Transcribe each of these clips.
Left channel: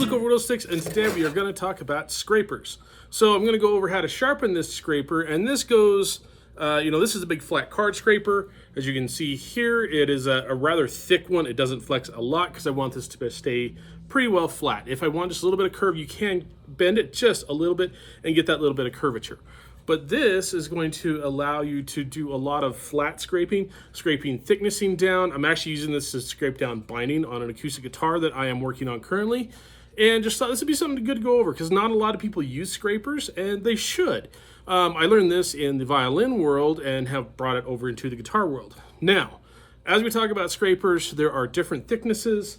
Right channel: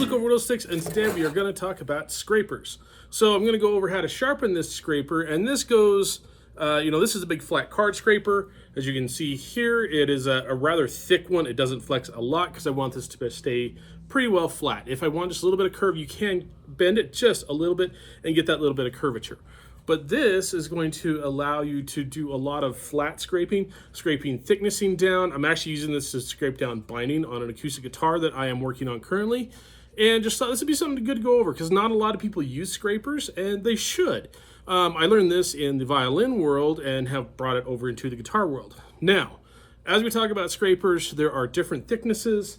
Luke over Whittle Sticks, and today we are going to talk about scrapers. So I'm going to go over how to sharpen this scraper, and this goes, this is a big flat card scraper. As you can see here, it is a rather thick one. It doesn't flex a lot because I want this to stay pretty well flat. If I want just a little bit of curve, you can bend it just a little bit and get that little bit of curvature. But this is going to allow you to do a lot of flat scraping thicknessing down. I'm actually using this to scrape down binding on an acoustic guitar that I am working on currently. And just thought this would be something good to go over because not a lot of people use scrapers, and they should. I learned this in the violin world and have brought it over into the guitar world. Now, as we talk about scrapers, there are different thicknesses.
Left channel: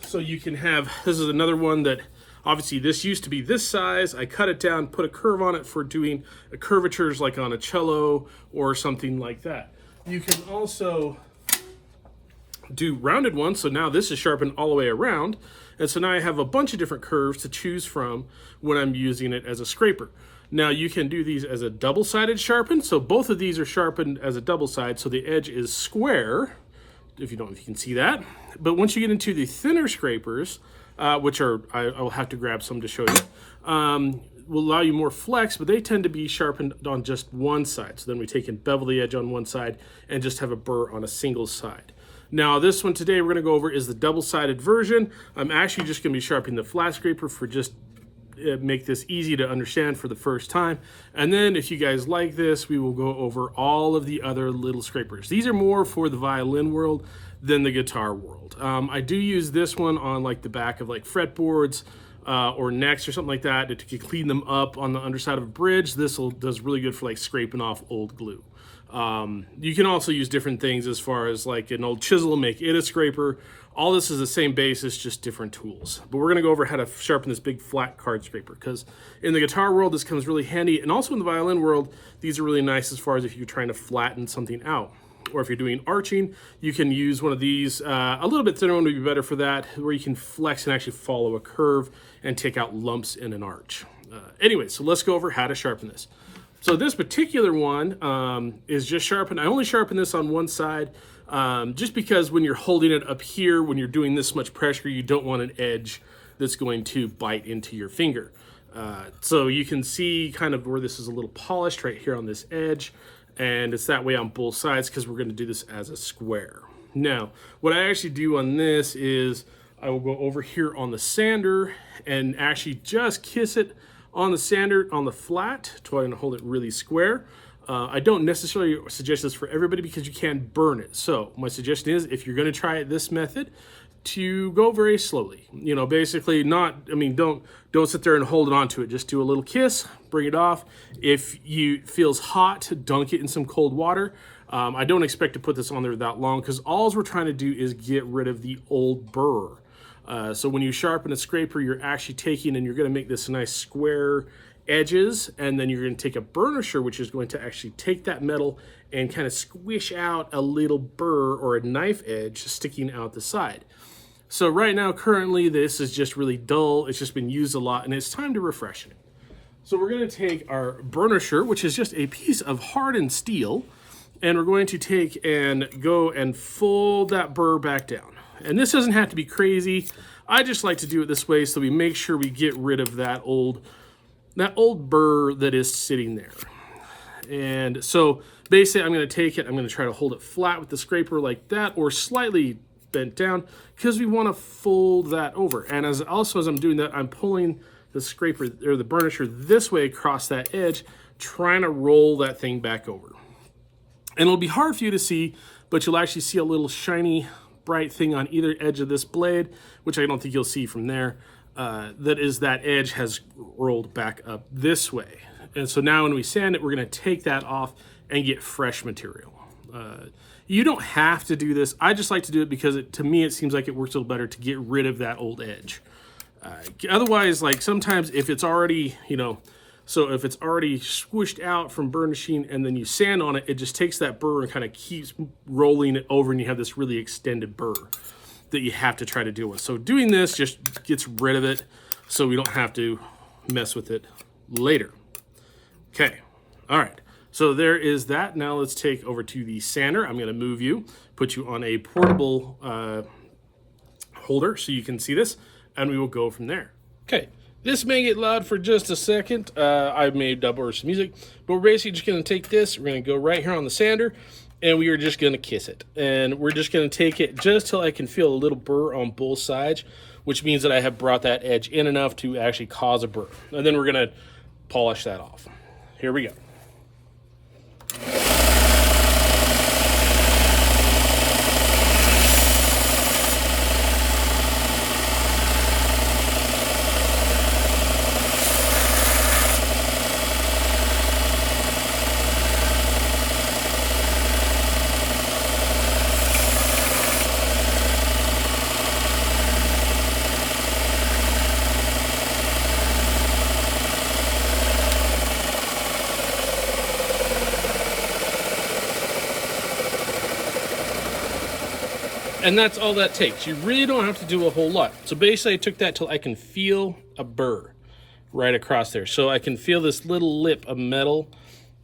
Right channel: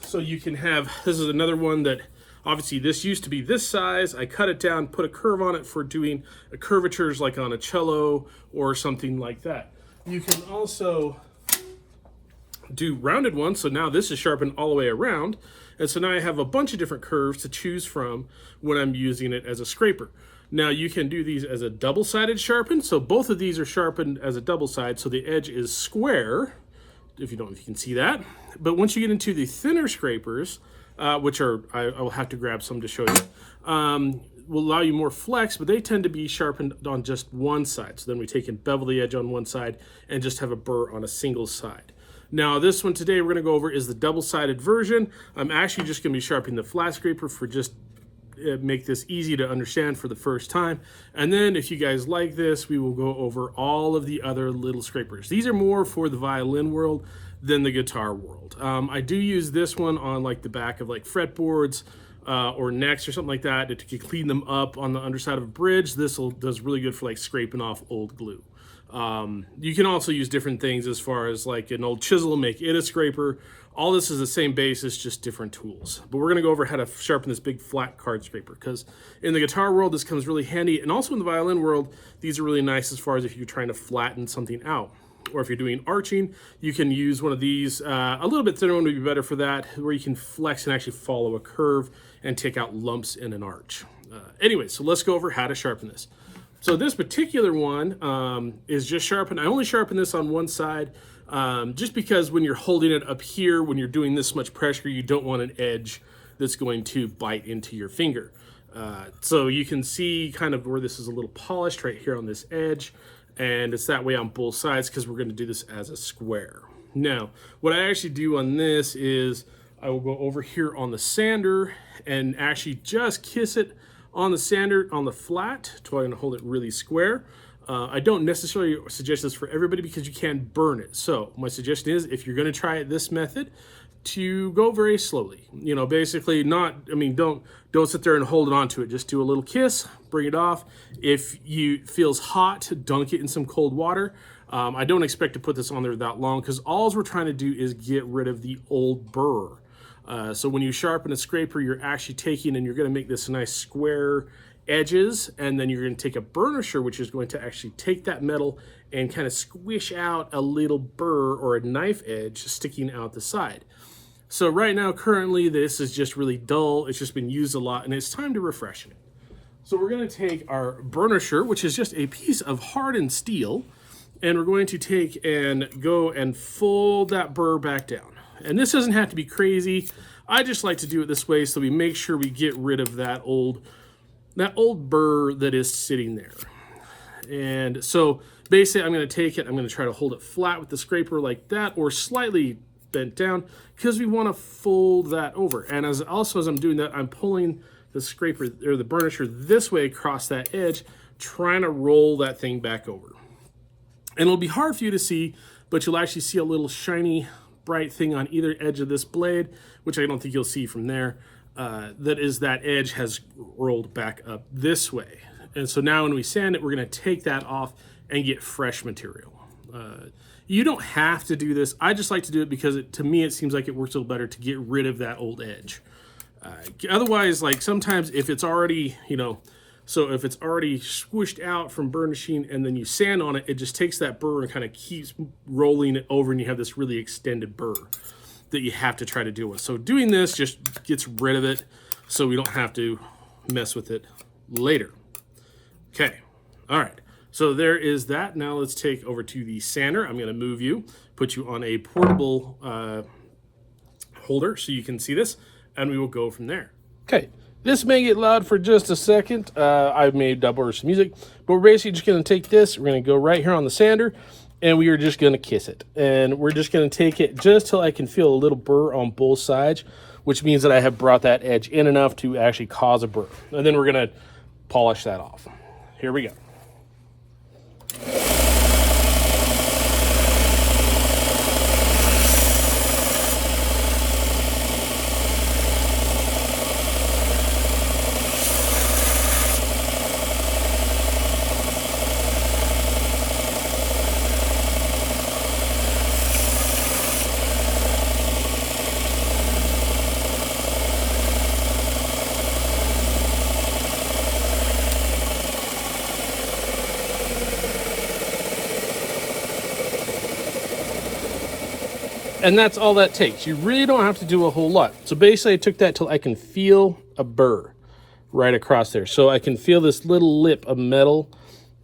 So you can have, this is another one that, obviously this used to be this size. I cut it down, put a curve on it for doing curvatures like on a cello or something like that. You can also do rounded ones. So now this is sharpened all the way around. And so now I have a bunch of different curves to choose from when I'm using it as a scraper. Now you can do these as a double-sided sharpen. So both of these are sharpened as a double side. So the edge is square, if you can see that. But once you get into the thinner scrapers, which are, I'll have to grab some to show you, will allow you more flex, but they tend to be sharpened on just one side. So then we take and bevel the edge on one side and just have a burr on a single side. Now this one today we're going to go over is the double-sided version. I'm actually just going to be sharpening the flat scraper for just make this easy to understand for the first time. And then if you guys like this, we will go over all of the other little scrapers. These are more for the violin world than the guitar world. I do use this one on like the back of like fretboards or necks or something like that to clean them up on the underside of a bridge. This does really good for like scraping off old glue. You can also use different things as far as like an old chisel, make it a scraper. All this is the same basis, just different tools. But we're gonna go over how to sharpen this big flat card scraper because in the guitar world, this comes really handy. And also in the violin world, these are really nice as far as if you're trying to flatten something out. Or if you're doing arching, you can use one of these. A little bit thinner one would be better for that, where you can flex and actually follow a curve and take out lumps in an arch. Anyway, so let's go over how to sharpen this. So this particular one is just sharpened. I only sharpen this on one side just because when you're holding it up here, when you're doing this much pressure, you don't want an edge that's going to bite into your finger. So you can see kind of where this is a little polished right here on this edge. And it's that way on both sides because we're going to do this as a square. Now, what I actually do on this is I will go over here on the sander and actually just kiss it on the sander on the flat, trying to hold it really square. I don't necessarily suggest this for everybody because you can burn it. So my suggestion is if you're going to try it this method, to go very slowly. You know, basically don't sit there and hold it onto it. Just do a little kiss, bring it off. If you feels hot, dunk it in some cold water. I don't expect to put this on there that long because all we're trying to do is get rid of the old burr. So when you sharpen a scraper, you're actually taking and you're going to make this nice square edges, and then you're going to take a burnisher, which is going to actually take that metal and kind of squish out a little burr or a knife edge sticking out the side. So right now, currently, this is just really dull. It's just been used a lot, and it's time to refreshen it. So we're going to take our burnisher, which is just a piece of hardened steel, and we're going to take and go and fold that burr back down. And this doesn't have to be crazy. I just like to do it this way so we make sure we get rid of that old burr that is sitting there. And so basically I'm going to take it, I'm going to try to hold it flat with the scraper like that or slightly bent down because we want to fold that over. And as I'm doing that, I'm pulling the scraper or the burnisher this way across that edge, trying to roll that thing back over. And it'll be hard for you to see, but you'll actually see a little shiny bright thing on either edge of this blade, which I don't think you'll see from there. That edge has rolled back up this way. And so now when we sand it, we're going to take that off and get fresh material. You don't have to do this. I just like to do it because to me, it seems like it works a little better to get rid of that old edge. Otherwise, like sometimes if it's already, if it's already squished out from burnishing and then you sand on it, it just takes that burr and kind of keeps rolling it over and you have this really extended burr that you have to try to deal with. So doing this just gets rid of it so we don't have to mess with it later. Okay, all right. So there is that. Now let's take over to the sander. I'm gonna move you, put you on a portable holder so you can see this. and we will go from there. Okay, this may get loud for just a second. I may double some music, but we're basically just going to take this. We're going to go right here on the sander, and we are just going to kiss it. And we're just going to take it just till I can feel a little burr on both sides, which means that I have brought that edge in enough to actually cause a burr. And then we're going to polish that off. Here we go. And that's all that takes. You really don't have to do a whole lot. So basically I took that till I can feel a burr right across there. So I can feel this little lip of metal.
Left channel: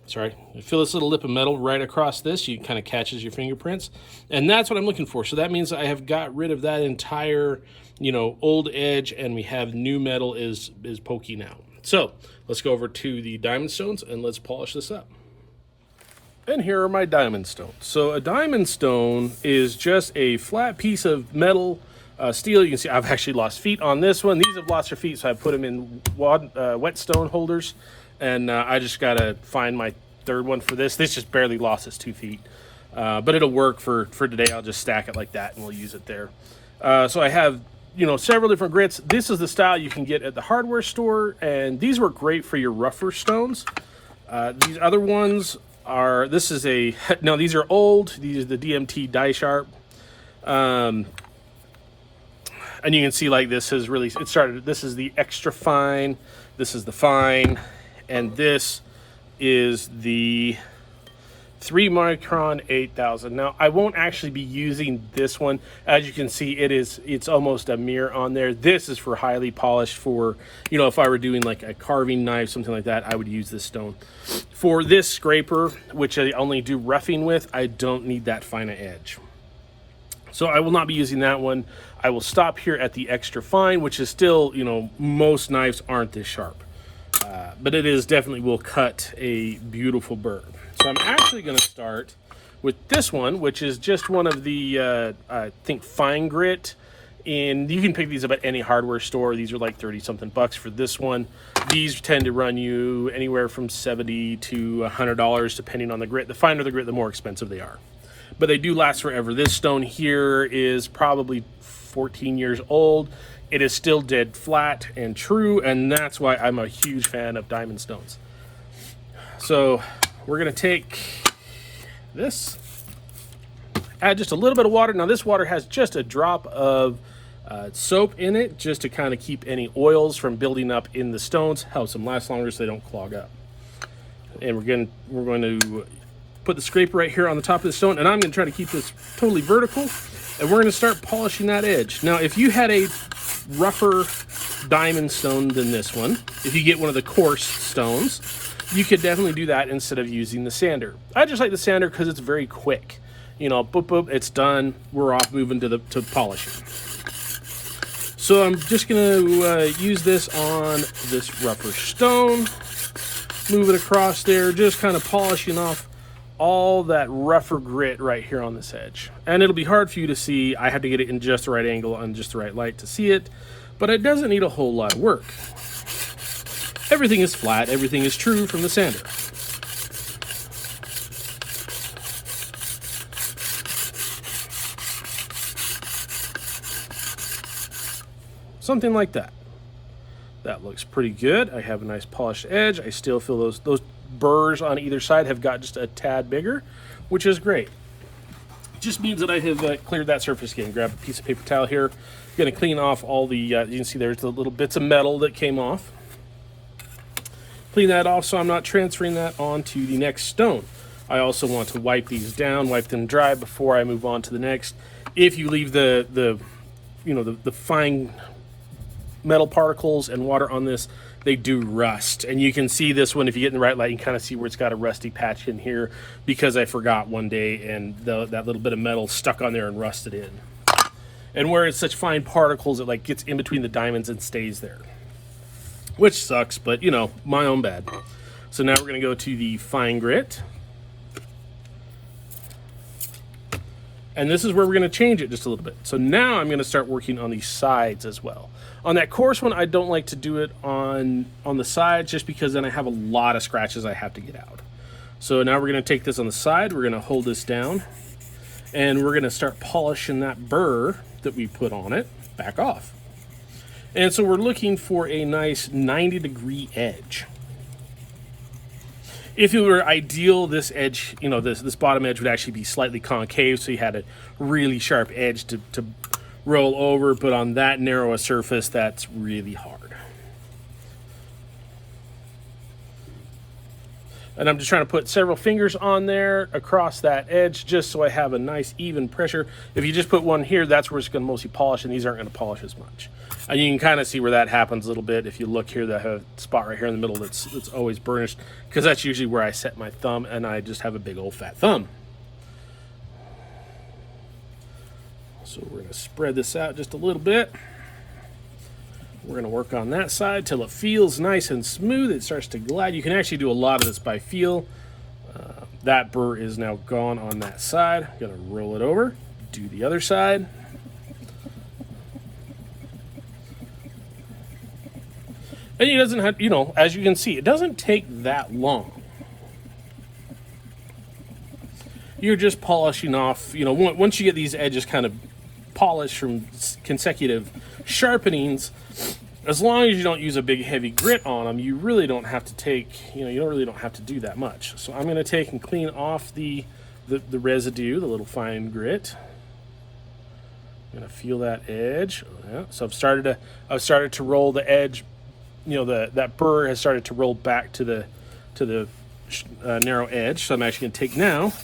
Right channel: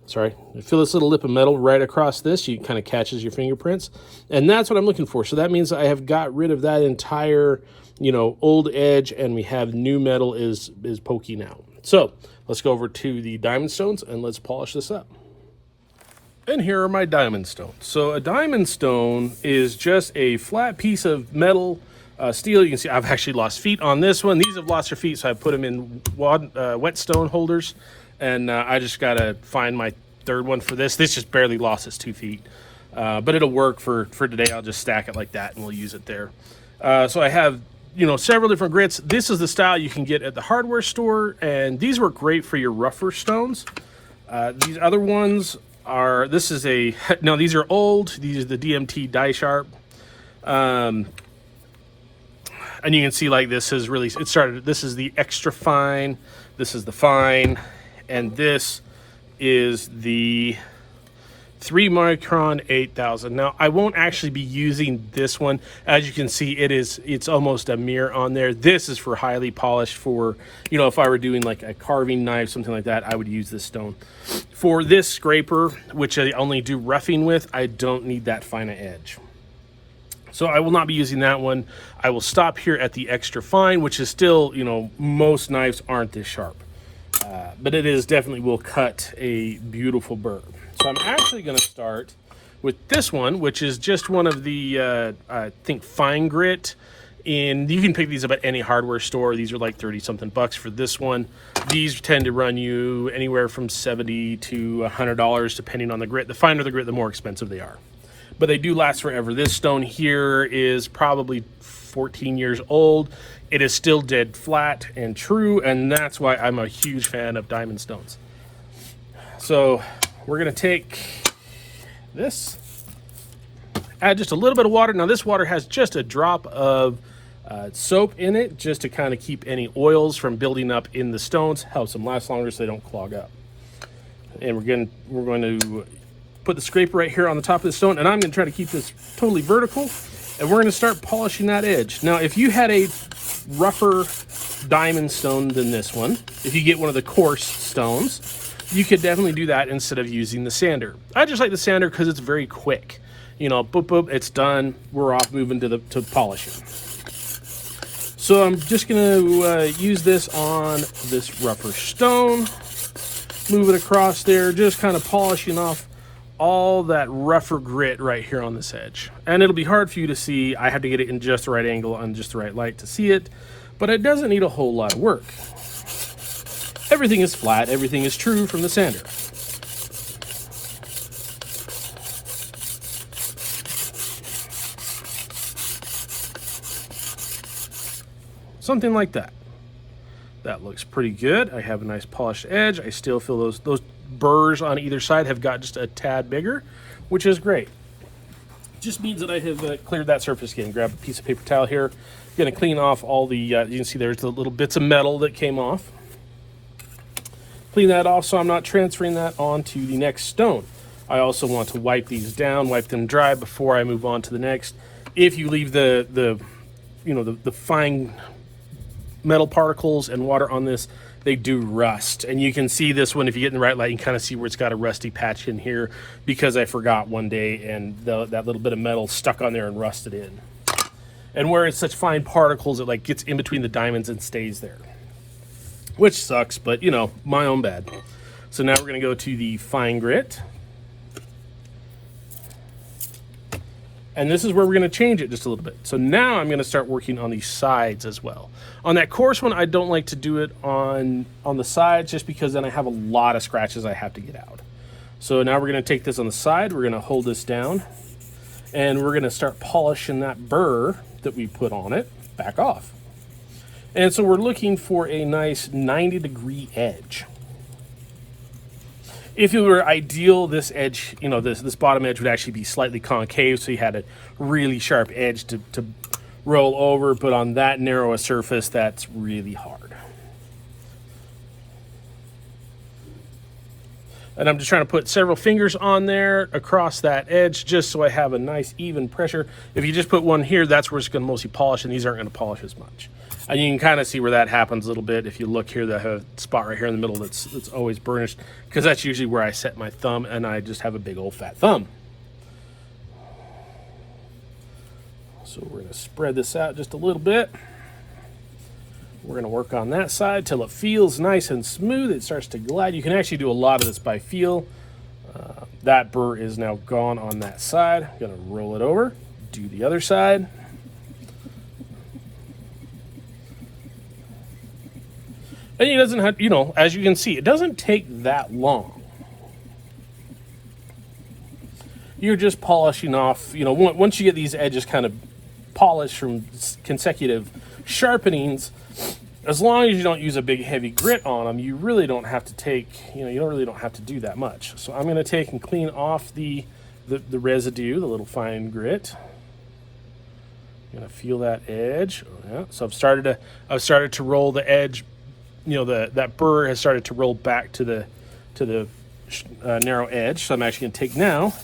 Sorry, I feel this little lip of metal right across this. You kind of catches your fingerprints. And that's what I'm looking for. So that means I have got rid of that entire, old edge, and we have new metal is poking out. So let's go over to the diamond stones and let's polish this up. And here are my diamond stones. So a diamond stone is just a flat piece of metal, steel. You can see I've actually lost feet on this one. These have lost their feet, so I put them in whetstone holders. And I just got to find my third one for this. This just barely lost its 2 feet. But it'll work for today. I'll just stack it like that, and we'll use it there. So I have, several different grits. This is the style you can get at the hardware store. And these work great for your rougher stones. These other ones these are old. These are the DMT die sharp. And you can see like this is really, this is the extra fine, this is the fine, and this is the 3 micron 8000. Now I won't actually be using this one. As you can see, it's almost a mirror on there. This is for highly polished, for if I were doing like a carving knife, something like that, I would use this stone. For this scraper, which I only do roughing with, I don't need that fine edge, so I will not be using that one. I will stop here at the extra fine, which is still, most knives aren't this sharp, but it is definitely will cut a beautiful burr. So I'm actually going to start with this one, which is just one of the, I think, fine grit. And you can pick these up at any hardware store. These are like 30-something bucks for this one. These tend to run you anywhere from $70 to $100, depending on the grit. The finer the grit, the more expensive they are. But they do last forever. This stone here is probably 14 years old. It is still dead flat and true, and that's why I'm a huge fan of diamond stones. So we're going to take this, add just a little bit of water. Now this water has just a drop of soap in it, just to kind of keep any oils from building up in the stones, helps them last longer so they don't clog up. And we're going to put the scraper right here on the top of the stone, and I'm going to try to keep this totally vertical, and we're going to start polishing that edge. Now if you had a rougher diamond stone than this one, if you get one of the coarse stones, you could definitely do that instead of using the sander. I just like the sander because it's very quick. Boop, boop, it's done. We're off moving to polishing. So I'm just going to use this on this rougher stone. Move it across there, just kind of polishing off all that rougher grit right here on this edge. And it'll be hard for you to see. I have to get it in just the right angle on just the right light to see it, but it doesn't need a whole lot of work. Everything is flat, everything is true from the sander. Something like that. That looks pretty good. I have a nice polished edge. I still feel those burrs on either side have got just a tad bigger, which is great. It just means that I have cleared that surface again. Grab a piece of paper towel here. Going to clean off all the, you can see there's the little bits of metal that came off. Clean that off so I'm not transferring that onto the next stone. I also want to wipe these down, wipe them dry before I move on to the next. If you leave the fine metal particles and water on this, they do rust. And you can see this one, if you get in the right light, you can kind of see where it's got a rusty patch in here because I forgot one day and that little bit of metal stuck on there and rusted in. And where it's such fine particles, it like gets in between the diamonds and stays there. Which sucks, but you know, my own bad. So now we're gonna go to the fine grit. And this is where we're gonna change it just a little bit. So now I'm gonna start working on the sides as well. On that coarse one, I don't like to do it on the sides just because then I have a lot of scratches I have to get out. So now we're gonna take this on the side, we're gonna hold this down, and we're gonna start polishing that burr that we put on it back off. And so we're looking for a nice 90-degree edge. If it were ideal, this edge, you know, this bottom edge would actually be slightly concave, so you had a really sharp edge to roll over, but on that narrow a surface, that's really hard. And I'm just trying to put several fingers on there across that edge just so I have a nice even pressure. If you just put one here, that's where it's going to mostly polish, and these aren't going to polish as much. And you can kind of see where that happens a little bit. If you look here, I have a spot right here in the middle that's always burnished, because that's usually where I set my thumb, and I just have a big old fat thumb. So we're going to spread this out just a little bit. We're going to work on that side till it feels nice and smooth. It starts to glide. You can actually do a lot of this by feel. That burr is now gone on that side. I'm going to roll it over, do the other side. And it doesn't have, you know, as you can see, it doesn't take that long. You're just polishing off, you know, once you get these edges kind of polished from consecutive sharpenings, as long as you don't use a big heavy grit on them, you really don't have to take, you know, you really don't have to do that much. So I'm going to take and clean off the residue, the little fine grit. I'm going to feel that edge. Oh, yeah. So I've started to roll the edge. You know, that burr has started to roll back to the narrow edge. So I'm actually going to take now.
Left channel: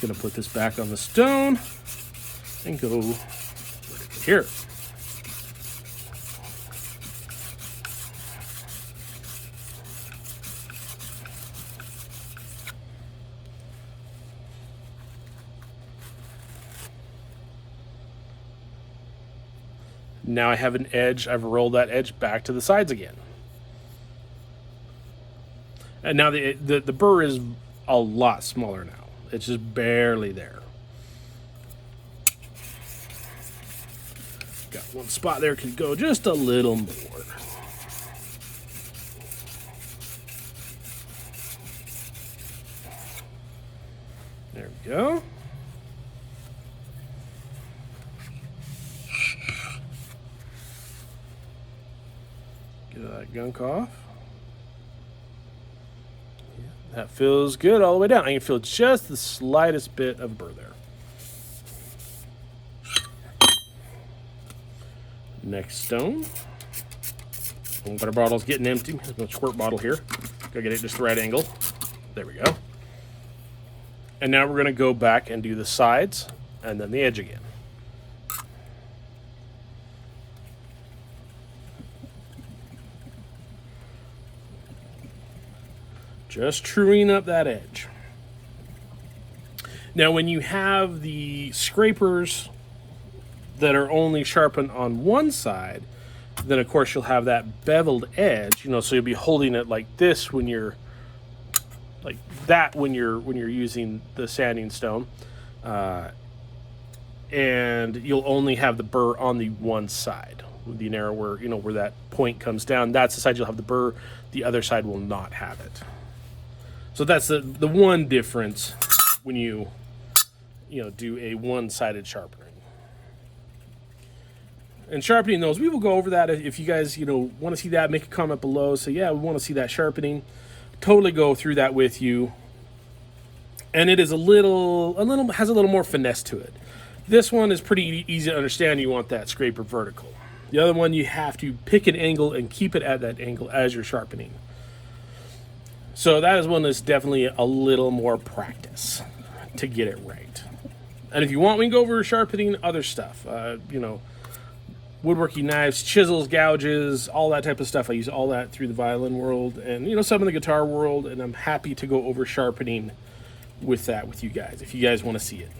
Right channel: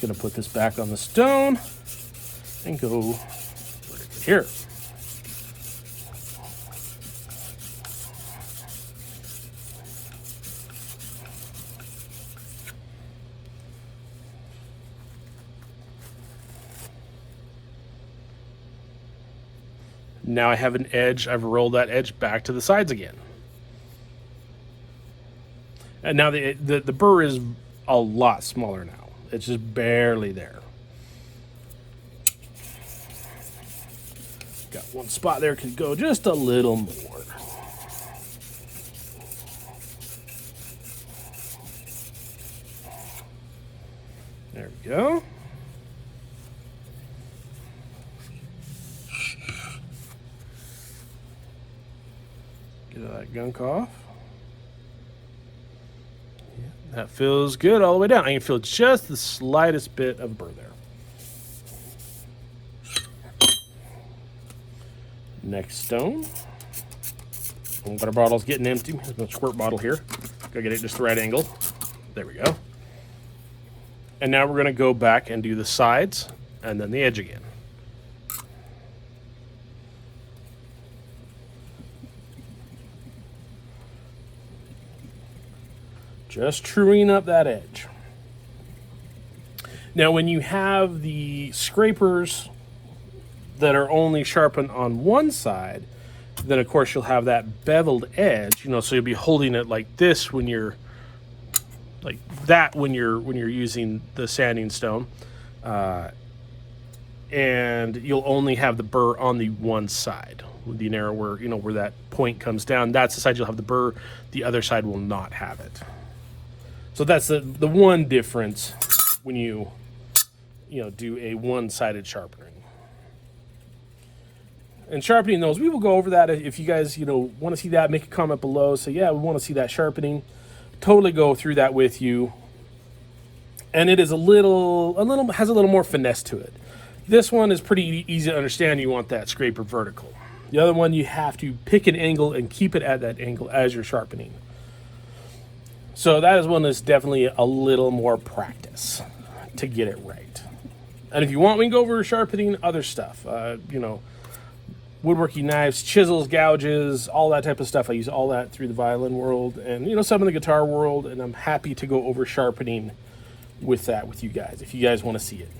Going to put this back on the stone and go here. Now I have an edge. I've rolled that edge back to the sides again. And now the burr is a lot smaller now. It's just barely there. Got one spot there, could go just a little more. There we go. Get that gunk off. That feels good all the way down. I can feel just the slightest bit of burr there. Next stone. Water bottle's getting empty. There's no squirt bottle here. Gotta get it just the right angle. There we go. And now we're gonna go back and do the sides and then the edge again. Just truing up that edge. Now, when you have the scrapers that are only sharpened on one side, then of course you'll have that beveled edge, you know, so you'll be holding it like this when you're like that when you're using the sanding stone, and you'll only have the burr on the one side, the narrow where, you know, where that point comes down. That's the side you'll have the burr. The other side will not have it. So that's the one difference when you do a one-sided sharpening. And sharpening those, we will go over that. If you guys, want to see that, make a comment below. Say, yeah, we want to see that sharpening. Totally go through that with you. And it is has a little more finesse to it. This one is pretty easy to understand. You want that scraper vertical. The other one, you have to pick an angle and keep it at that angle as you're sharpening. So that is one that's definitely a little more practice to get it right. And if you want, we can go over sharpening other stuff. Woodworking knives, chisels, gouges, all that type of stuff. I use all that through the violin world and, some of the guitar world. And I'm happy to go over sharpening with that with you guys, if you guys want to see it.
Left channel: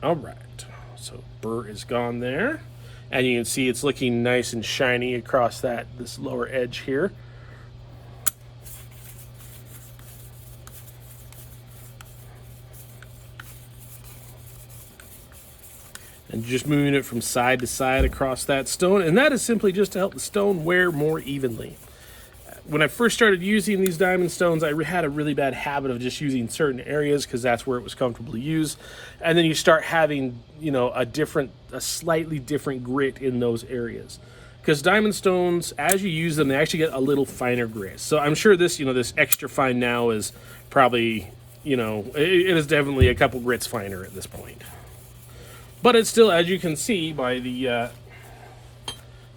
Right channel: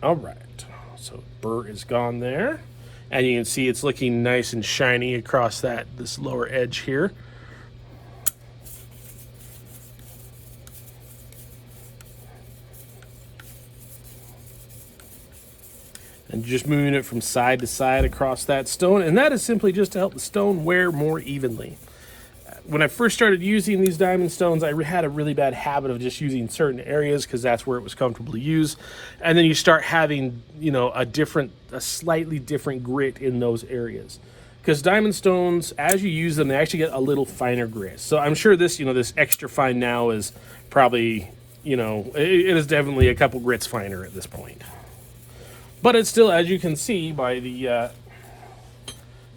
All right, so burr is gone there. And you can see it's looking nice and shiny across this lower edge here. And just moving it from side to side across that stone. And that is simply just to help the stone wear more evenly. When I first started using these diamond stones, I had a really bad habit of just using certain areas because that's where it was comfortable to use. And then you start having, you know, a slightly different grit in those areas. Because diamond stones, as you use them, they actually get a little finer grit. So I'm sure this, you know, this extra fine now is probably, you know, it is definitely a couple grits finer at this point. But it's still, as you can see by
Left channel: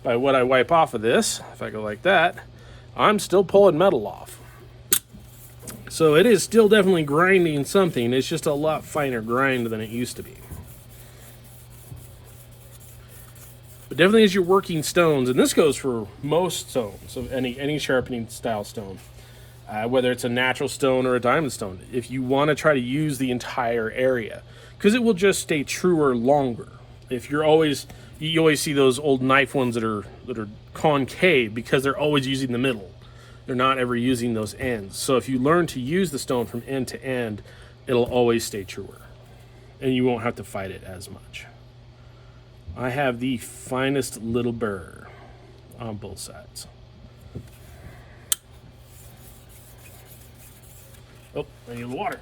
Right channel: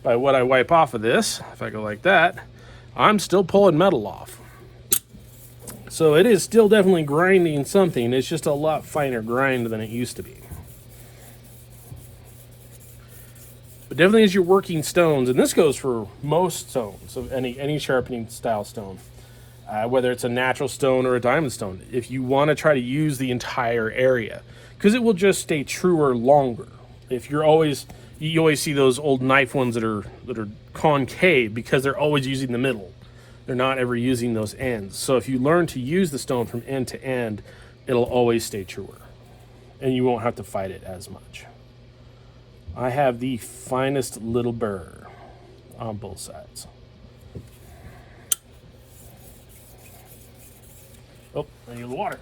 by what I wipe off of this, if I go like that, I'm still pulling metal off. So it is still definitely grinding something. It's just a lot finer grind than it used to be. But definitely as you're working stones, and this goes for most stones of any sharpening style stone, whether it's a natural stone or a diamond stone, if you want to try to use the entire area, because it will just stay truer longer. If you always see those old knife ones that are concave because they're always using the middle. They're not ever using those ends. So if you learn to use the stone from end to end, it'll always stay truer, and you won't have to fight it as much. I have the finest little burr on both sides. Oh, I need water.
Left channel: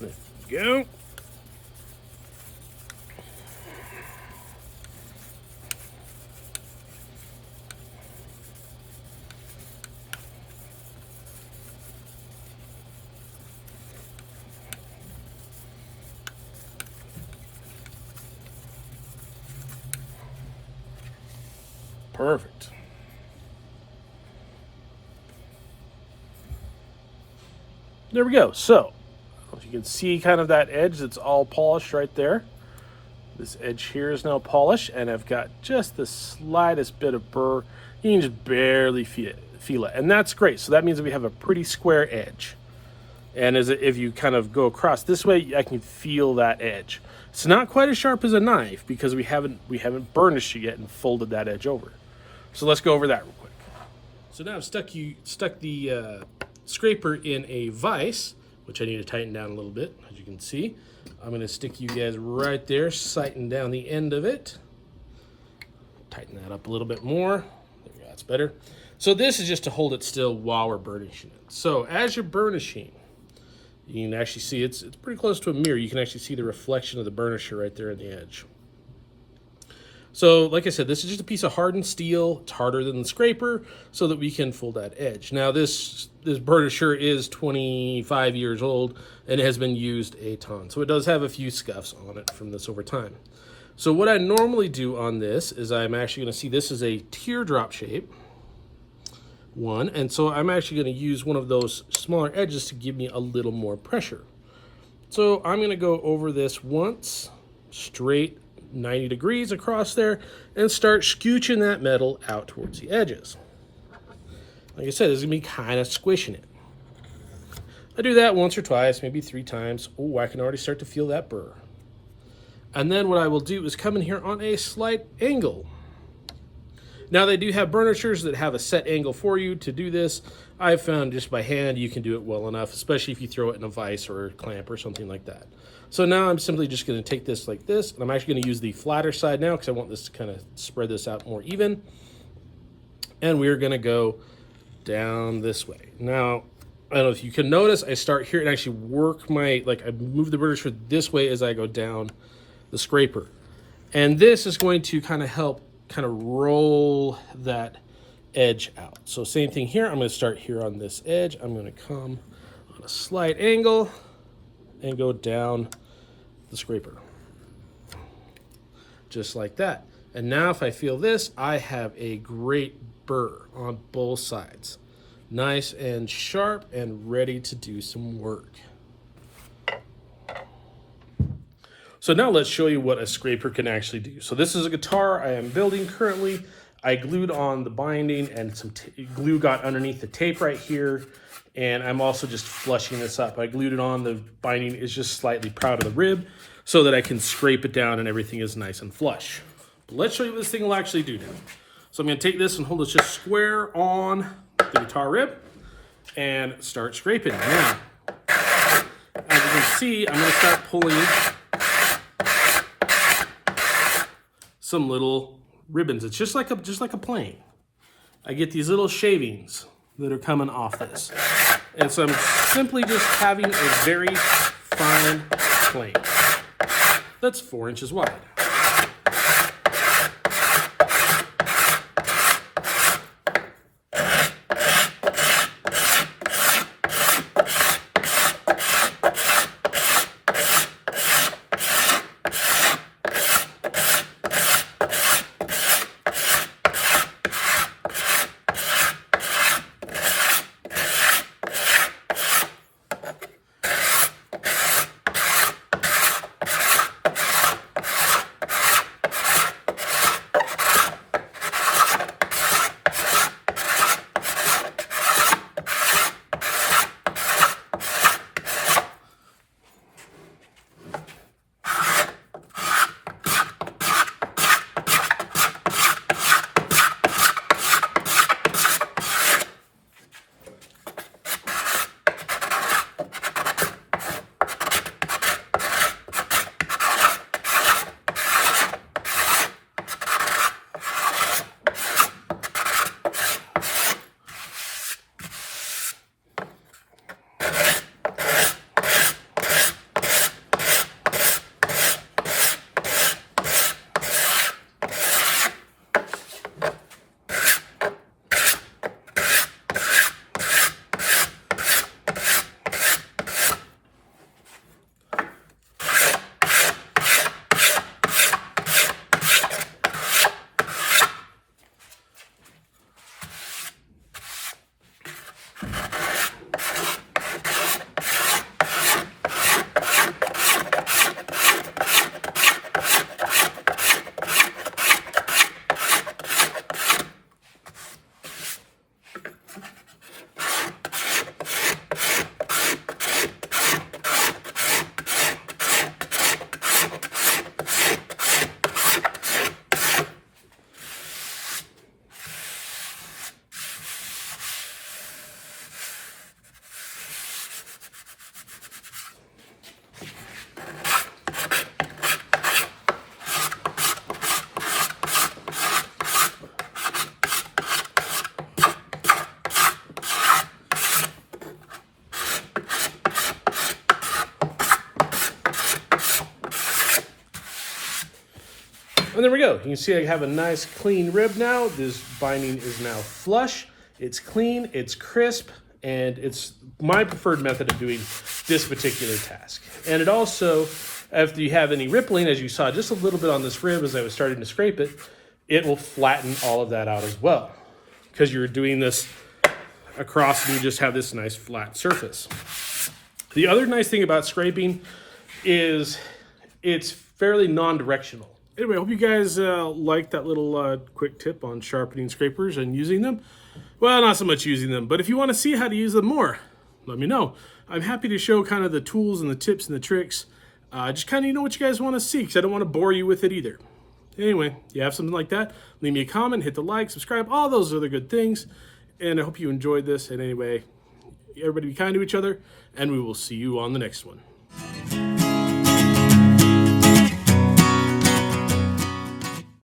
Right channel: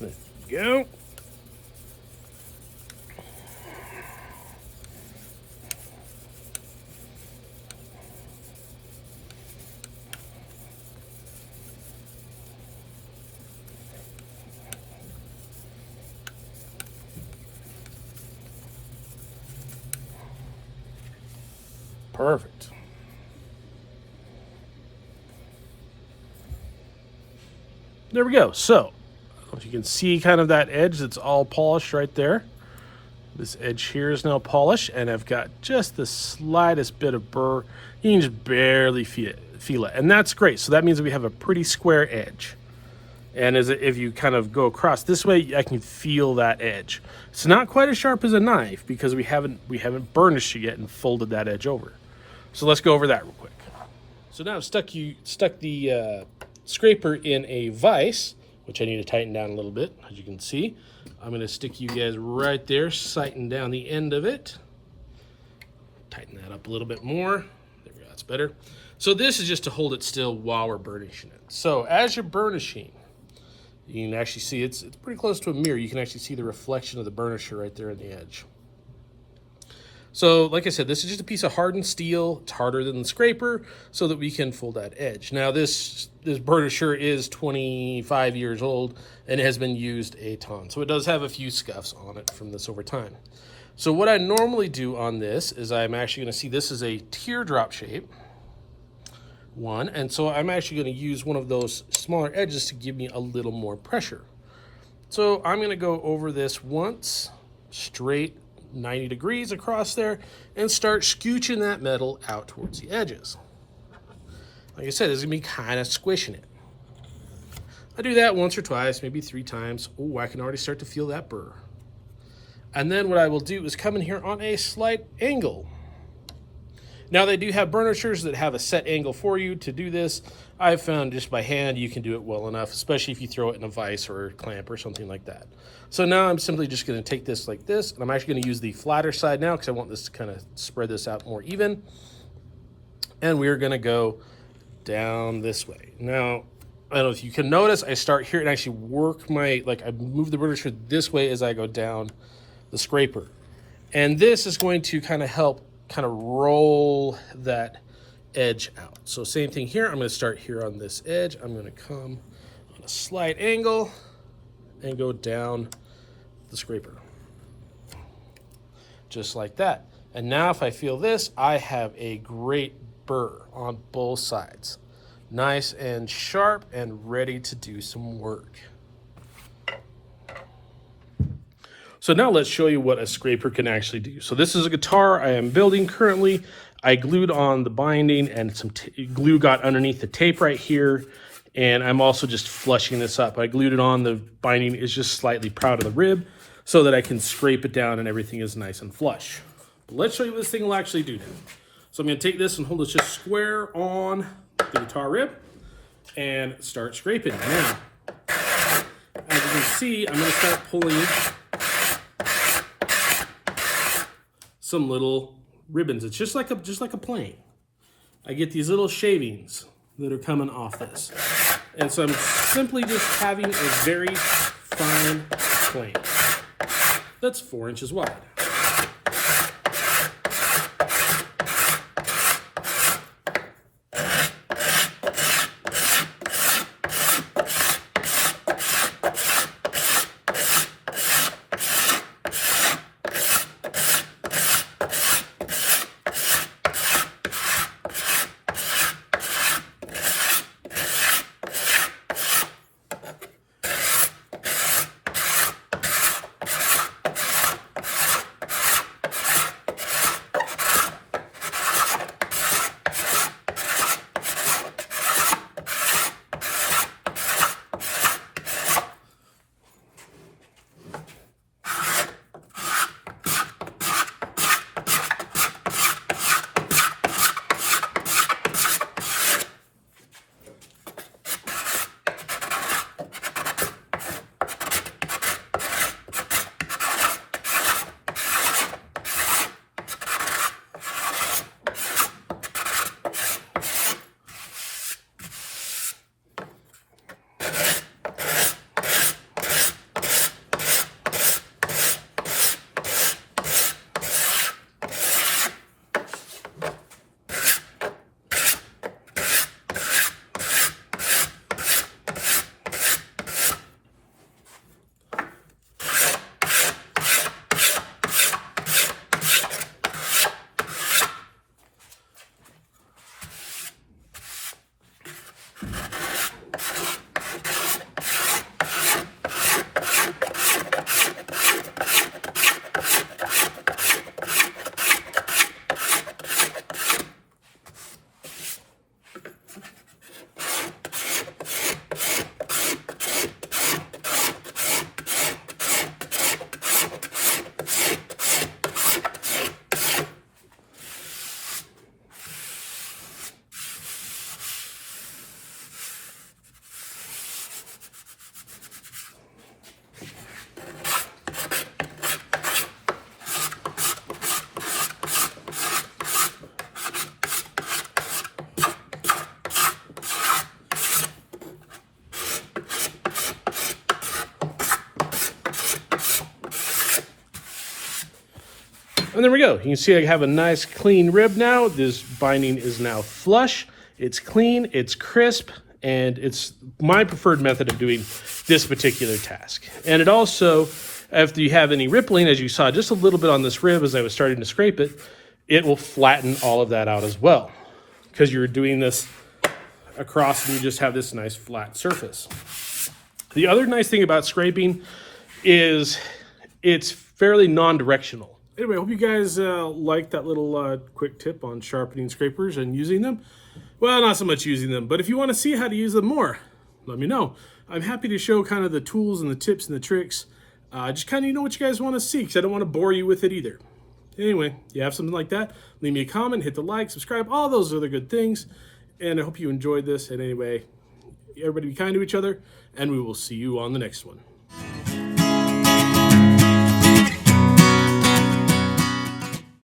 There we go. Perfect. There we go. So, if you can see kind of that edge that's all polished right there. This edge here is now polished, and I've got just the slightest bit of burr. You can just barely feel it, and that's great. So that means that we have a pretty square edge. And if you kind of go across this way, I can feel that edge. It's not quite as sharp as a knife because we haven't burnished it yet and folded that edge over. So let's go over that real quick. So now I've stuck the scraper in a vise, which I need to tighten down a little bit, as you can see. I'm going to stick you guys right there, sighting down the end of it. Tighten that up a little bit more. There we go, that's better. So this is just to hold it still while we're burnishing it. So as you're burnishing, you can actually see it's pretty close to a mirror. You can actually see the reflection of the burnisher right there on the edge. So like I said, this is just a piece of hardened steel. It's harder than the scraper so that we can fold that edge. Now this burnisher is 25 years old and it has been used a ton. So it does have a few scuffs on it from this over time. So what I normally do on this is I'm actually going to see this is a teardrop shape one. And so I'm actually going to use one of those smaller edges to give me a little more pressure. So I'm going to go over this once, straight 90 degrees across there, and start scooching that metal out towards the edges. Like I said, this is going to be kind of squishing it. I do that once or twice, maybe 3 times. Oh, I can already start to feel that burr. And then what I will do is come in here on a slight angle. Now they do have burnishers that have a set angle for you to do this. I've found just by hand you can do it well enough, especially if you throw it in a vise or a clamp or something like that. So now I'm simply just going to take this like this, and I'm actually going to use the flatter side now because I want this to kind of spread this out more even. And we're going to go down this way. Now, I don't know if you can notice, I start here and actually work I move the burnisher this way as I go down the scraper. And this is going to kind of help kind of roll that edge out. So same thing here. I'm going to start here on this edge. I'm going to come on a slight angle and go down the scraper. Just like that. And now if I feel this, I have a great burr on both sides. Nice and sharp and ready to do some work. So now let's show you what a scraper can actually do. So this is a guitar I am building currently. I glued on the binding and some glue got underneath the tape right here. And I'm also just flushing this up. I glued it on. The binding is just slightly proud of the rib so that I can scrape it down and everything is nice and flush. But let's show you what this thing will actually do now. So I'm going to take this and hold it just square on the guitar rib and start scraping. Now, as you can see, I'm going to start pulling some little ribbons. It's just like a plane. I get these little shavings that are coming off this. And so I'm simply just having a very fine plane that's 4 inches wide. And there we go. You can see I have a nice clean rib now. This binding is now flush. It's clean, it's crisp, and it's my preferred method of doing this particular task. And it also, if you have any rippling, as you saw just a little bit on this rib as I was starting to scrape it, it will flatten all of that out as well. Because you're doing this across and you just have this nice flat surface. The other nice thing about scraping is it's fairly non-directional. Anyway, I hope you guys liked that little quick tip on sharpening scrapers and using them. Well, not so much using them, but if you want to see how to use them more, let me know. I'm happy to show kind of the tools and the tips and the tricks. Just kind of know what you guys want to see, because I don't want to bore you with it either. Anyway, you have something like that, leave me a comment, hit the like, subscribe, all those other good things. And I hope you enjoyed this. And anyway, everybody be kind to each other, and we will see you on the next one.